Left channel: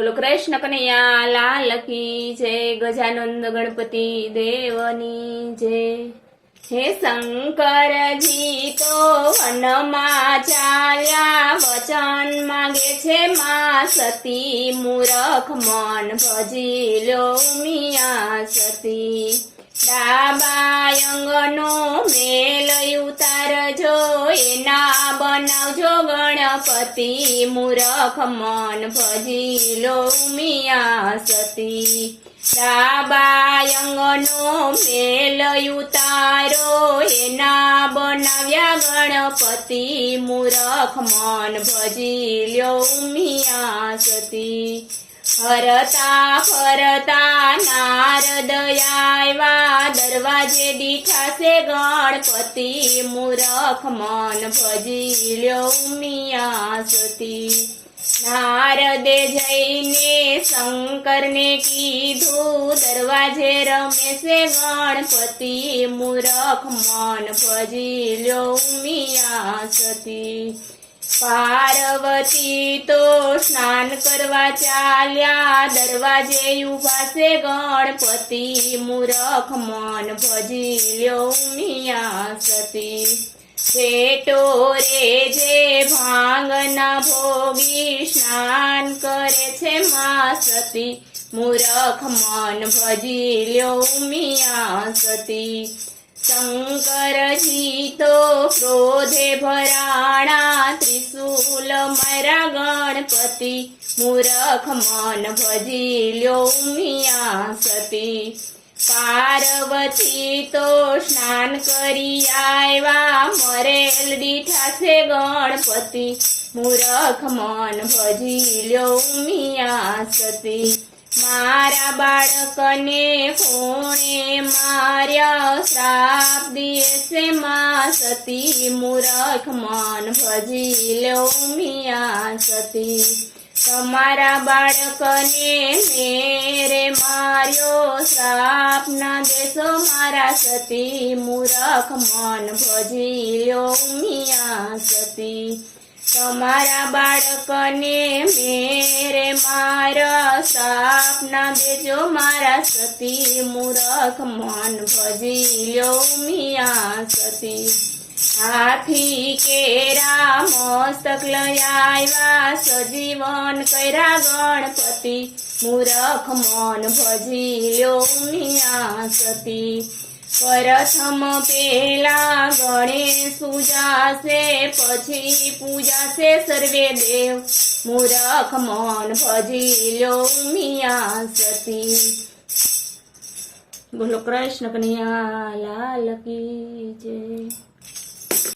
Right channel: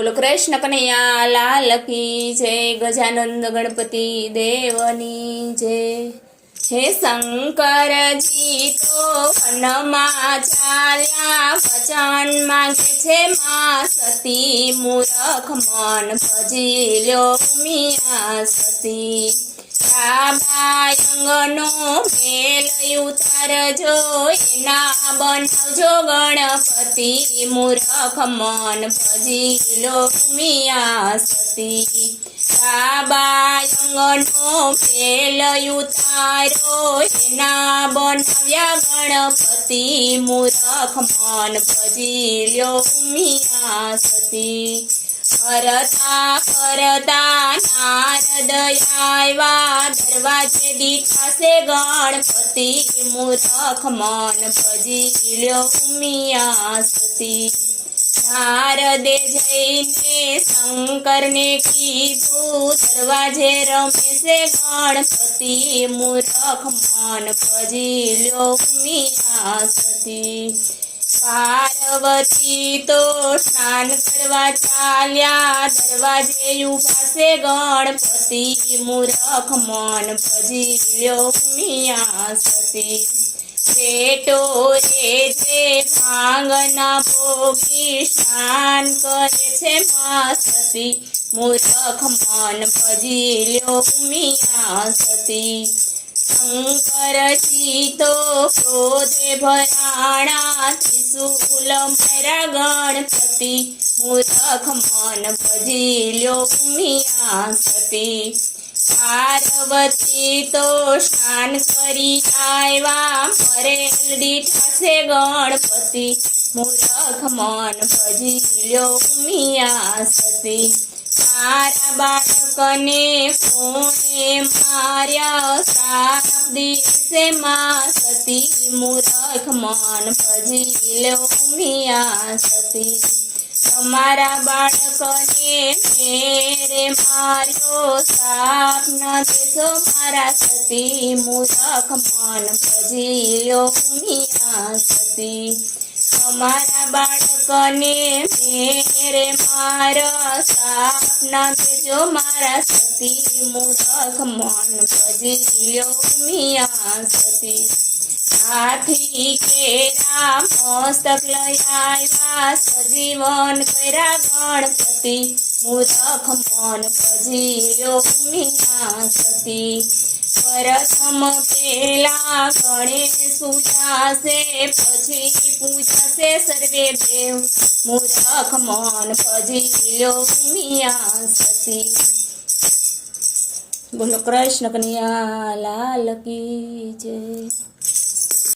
બોલો, કૃષ્ણ કનૈયા લાલ કી જય, ગજાનંદ ગણપતિ દેવની જય. હે શંકરજી તો વનમાં ચાલ્યા, વચન માંગે છે મા સતી. મૂરખ મન ભજી લો મિયા સતી. રાબાયંગનો મેલ ઉતારજો, એના બનાવજો ગણપતિ. મૂરખ મન ભજી લો મિયા સતી. રાબાયંગનો મેલ ઉતારો, એના બનાવ્યા ગણપતિ. મૂરખ મન ભજી લો મિયા સતી. ફરતા ફરતા નારદ દરવાજે દીખાશે ગણપતિ. મૂરખ મન ભજી લ્યો મિયા સતી નારદે જઈને શંકરને કીધું, દરવાજે રમેશે ગણપતિ. મૂરખ મન ભજી લ્યો મિયા સતી પાર્વતી તો સ્નાન કરવા ચાલ્યા દરવાજે છે ગણપતિ મૂરખ મન ભજી લ્યો મિયા સતી બેટો રે જે ભાંગના ભોગી સ્નાન કરે છે મા સતી મૂરખ મન ભજી લ્યો મિયા સતી શંકરજી તો ક્રોધે ભરાણા ત્રિશુલ મારા ગણપતિ, મૂરખ મન ભજી લ્યો મિયા સતી. પાર્વતી તો સ્નાન કરી આવ્યા મરેલ દીઠા છે ગણપતિ. મૂરખ મન ભજી લ્યો મિયા સતી. મારા બાળકને ફોણે માર્યા? શ્રાપ દિવસે મા સતી મૂરખ મન ભજી લો મિયા સતી. તમારા બાળકને મેરે માર્યો? સાપ ના દેશો મારા સતી મૂરખ મન ભજી લો મિયા સતી. તમારા બાળકને મેરે મારા સાપ ના દેજો મારા સતી મૂરખ મન ભજી લ્યો મિયા સતી. હાથી કેરા મસ્તક આવ્યા, સજીવન કર્યા ગણપતિ. મૂરખ મન ભજી લ્યો મિયા સતી. પ્રથમ પેલા ગણેશ પૂજાશે, પછી પૂજાશે સર્વે દેવ. મૂરખ મન ભજી લ્યો મિયા સતી. બોલો કૃષ્ણ કન્યા, લાલ કી જય.